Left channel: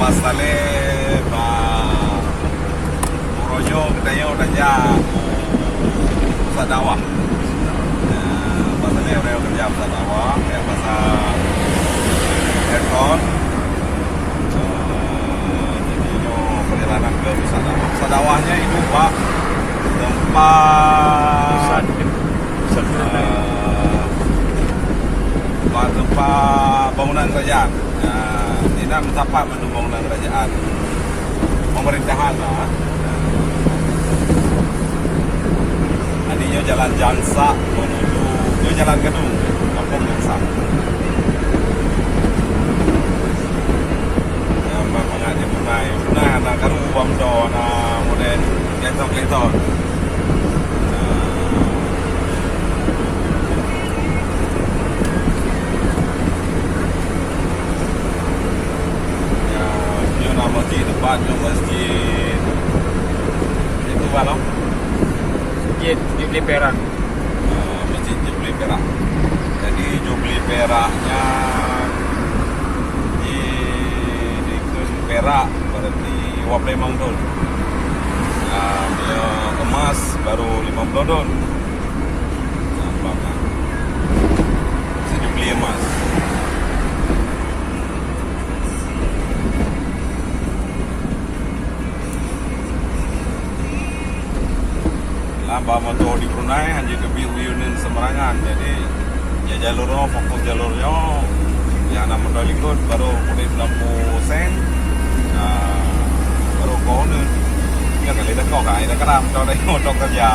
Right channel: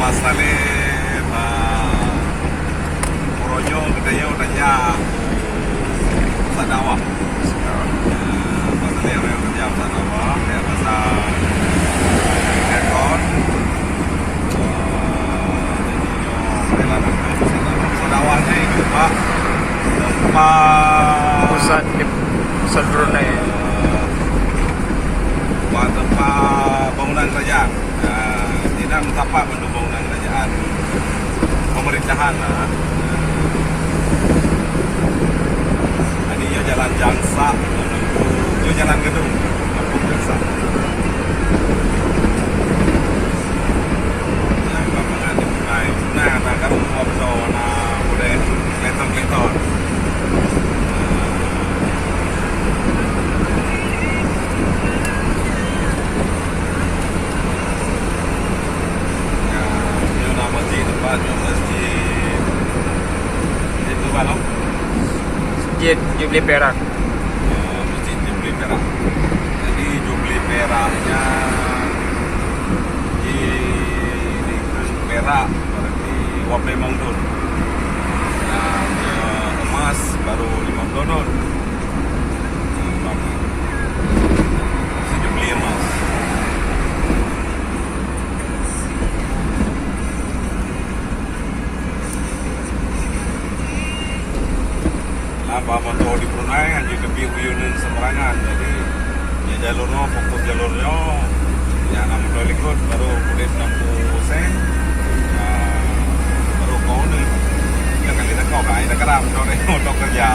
Mas Talib Royo katanya kerja Sadawah. Mas Talib kerja Sadawah ya pasal telepon perjalanan ke Sadawah. Sadawahnya itu Pak tempat pusat Brunei. tempat bangunan kerajaan. Tidak mendapat bangunan kerajaan pemerintahan lah. Tadinya jalan Jansa menuju ke Jalan Gedung Kampung Jansa. Yang memang ada Brunei. Brunei ada karung buang zona boleh lentok-lentok. Masjid itu kalau Jubilee Perak. Masjid Jubilee Perak. Jadi Jubilee Peraknya di Perak berarti Wape Mangdul. Dia emas baru 50 don. Masjid Jubilee emas. Motor di Brunei hanya lebih reunion semerangan, jadi ya jalurnya fokus jalurnya ya nama motor ikut baru kulit lampu sen baru kau nih kan kali dah kau kai dah keram kau dah motor kerja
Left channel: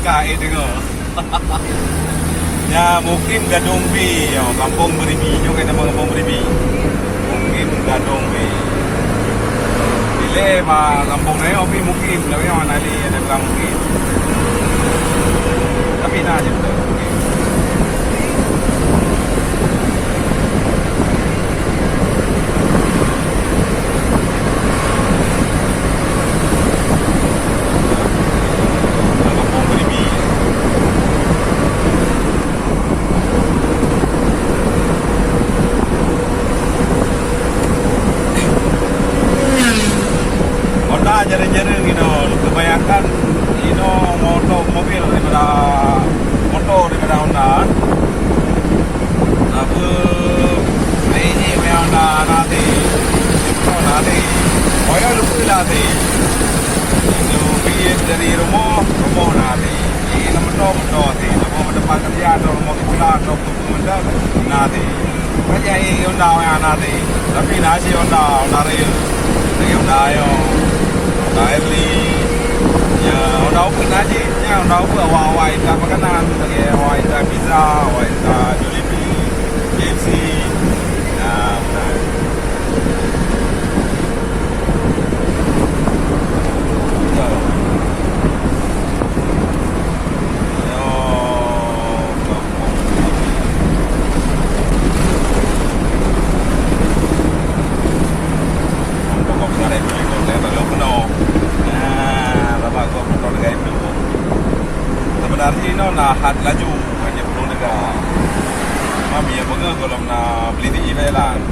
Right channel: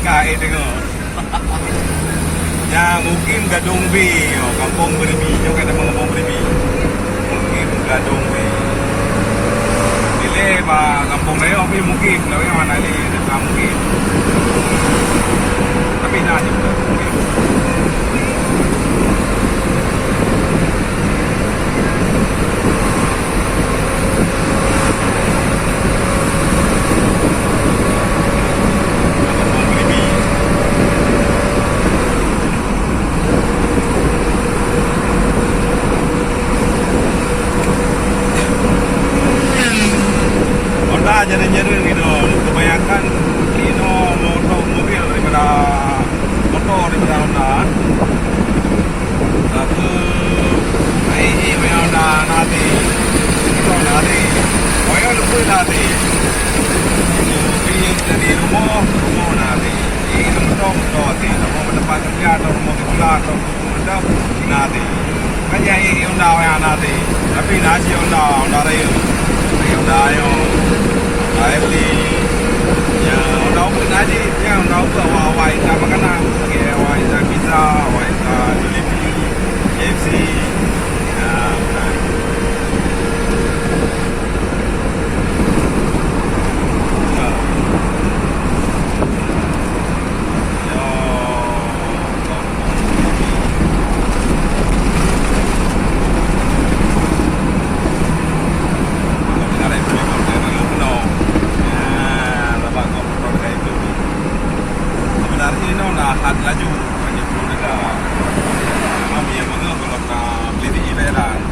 kai tengok ya mungkin Gadong B kampung Beribi juga ada kampung Beribi mungkin Gadong B kampung ni tapi mungkin kalau yang mana ni ada mungkin tapi dah je mungkin jaring-jaring gitu, kebanyakan itu mobil daripada Honda. Apa Honda nanti, nanti, nanti. Itu pilih dari rumah nanti. Ini motor nanti, rumah tempat kerja atau rumah sekolah atau nanti. Banyak Honda nanti, tapi nasi Honda Rail, Honda Daily ya orang pun aja yang tahu bahwa waita makanan sebagai waita pizza, waita delivery, KFC. Hat laju banyak pun juga. Kami yang mengang kalau nak beli di Thailand.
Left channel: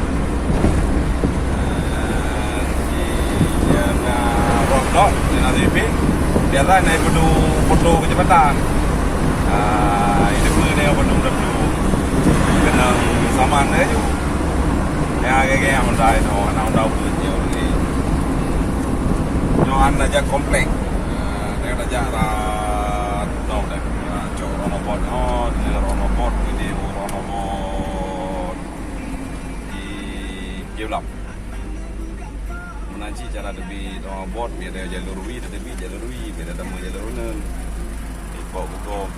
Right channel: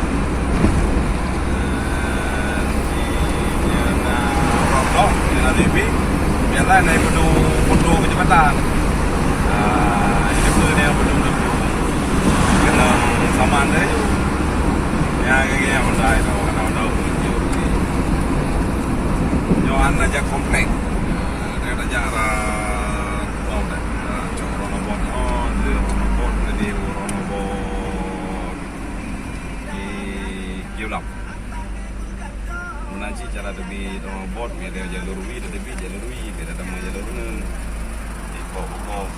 Dia nak rock, dia nak lebih. Dia lah naik penuh kecepatan. Ini pun dia penuh kena saman dia je. Ya kayak yang mendai tu, nak tahu video ni. Nyawan aja komplek. Dia aja Lap. Nanti cara lebih bot biar jalur wi lebih jalur wi biar ada jalur nun. Pokok.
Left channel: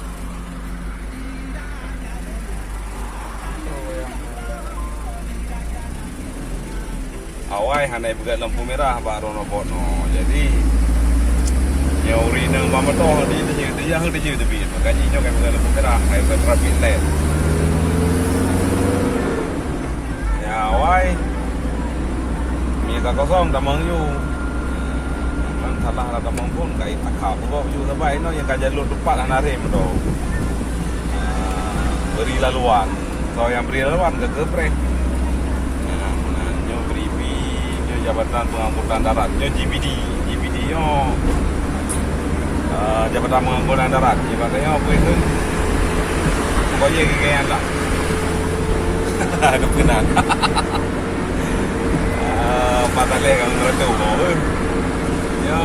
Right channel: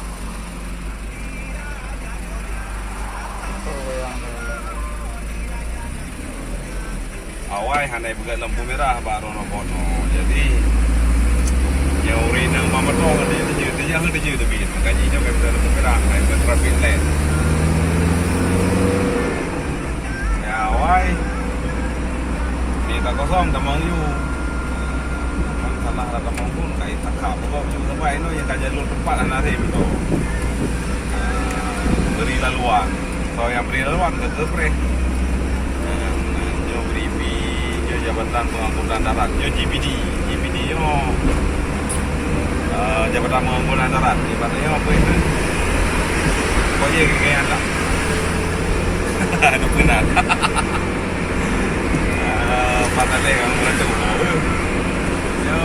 Awai handai buka lampu merah baru bot no. Jadi yang uri nang pamato dia tapi makanya dia buka lampu merah kayak traffic light. Ya awai tak kosong tak mau you tanah tak mau pun kait tak kau tu juga sampai no yang jalur tempat anarim tu beri laluan kalau yang beri laluan ke kepre yang beri Jabatan Pengangkutan Darat. Yo GPD. GPD yo Jabatan Pengangkutan Darat. Ibaratnya apa itu? Kaya kekayaan tak? Ada benar. Mata lekan meredu. Yo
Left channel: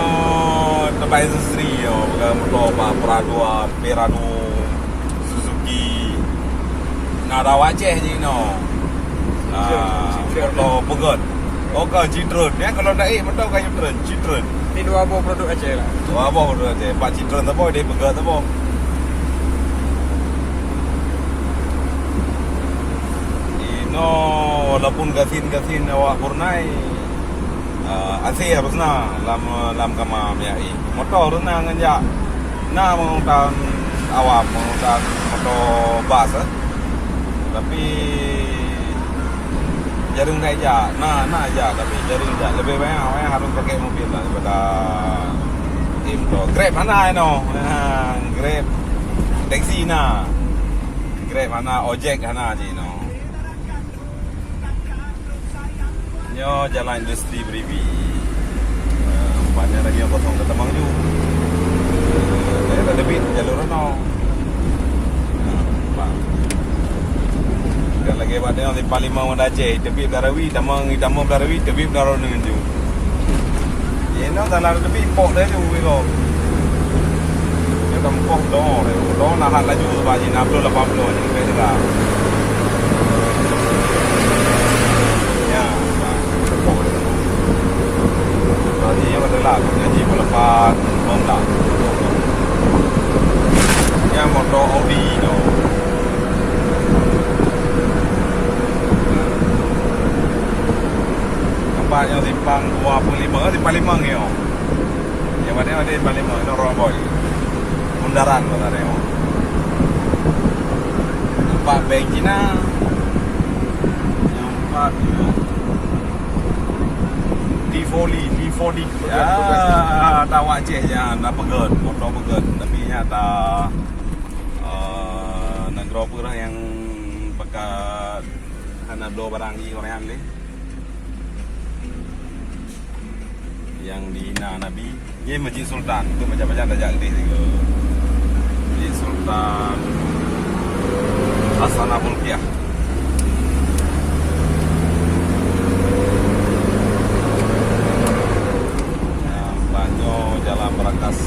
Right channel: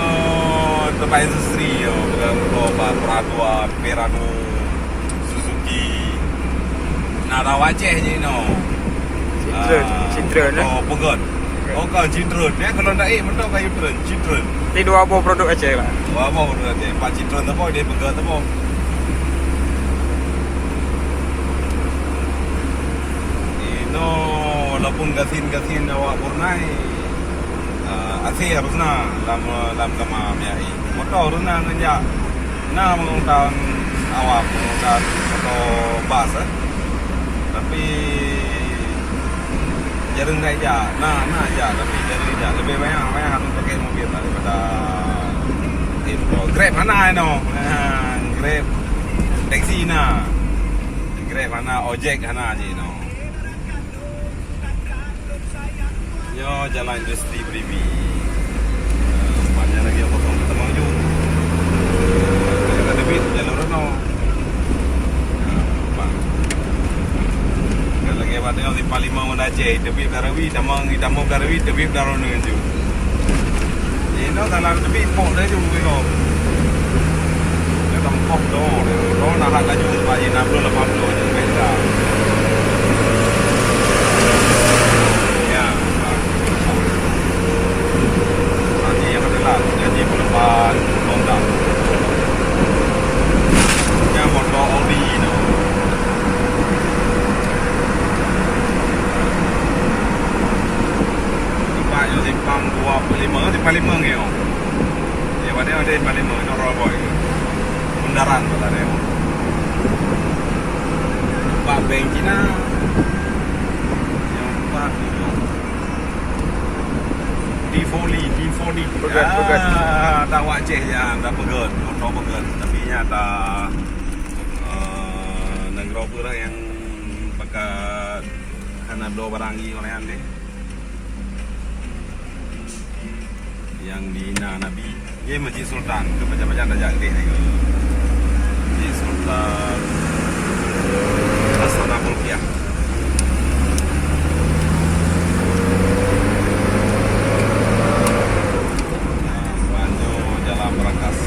tempat industri yo beberapa peraduan Merano, Suzuki. Nada wajah je no. Citroen lah. Oh, Pegot. Oh, kau Citroen. Ya, kalau naik, betul kau Citroen. Ini dua buah produk aja Pak. Wah, apa benda tu? Pak Citroen tu apa? Dia Pegot tu apa? Ini, walaupun gasin awak purnai, asih apa sana? Lam kama biai. Motor tu na nganja. Na mengutang awak mengutang motor bas. Tapi jarang aja, nah aja, tapi jarang aja. Lebih banyak harus pakai mobil daripada Grab mana no, Grab, taksi na, Grab mana, ojek mana aja no. Yo jalan industri beribi, banyak lagi yang kosong ketemu tu. Ada lebih jalur no. Lagi pada yang di Palimau dah je, tapi Darawi, damang Darawi, tapi Darawi dengan tu. Ye, no dalam tapi pok dah tu kita. Kita pok dah nak hal laju bagi 60 80 je kita. Ya. Jadi yang adalah jadi pelepas modal. Yang motor Audi no. Yang simpang 25 di Palembang ya. Ya mana ada di Palembang itu Roy. Bundaran katanya. Nampak bank Cina. Yang empat itu D40. Pegat. Tak wajah ya, tak pegat, motor pegat. Tapi ya tak negara pura yang pekat karena dua barang ini orang ni. Yang di Nabi, ini Masjid Sultan, itu macam-macam dah jadi tu. Masjid Sultan Asana Bulkiah. Banyak jalan Berakas.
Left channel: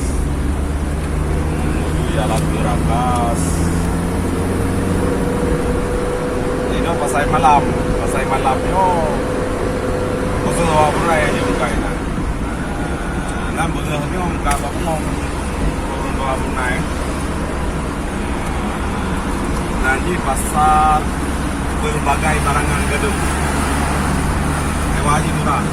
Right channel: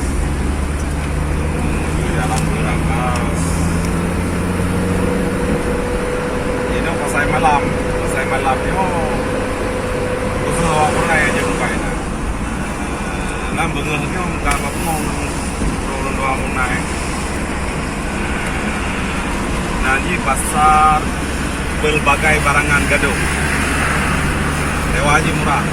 Jalan Berakas. Ini pasai malam yo. Khusus awak pernah yang jumpa ini. Nam bengah ni orang kata ngomong turun bawah munai. Jadi pasar berbagai barangan gaduh. Sewa haji murah.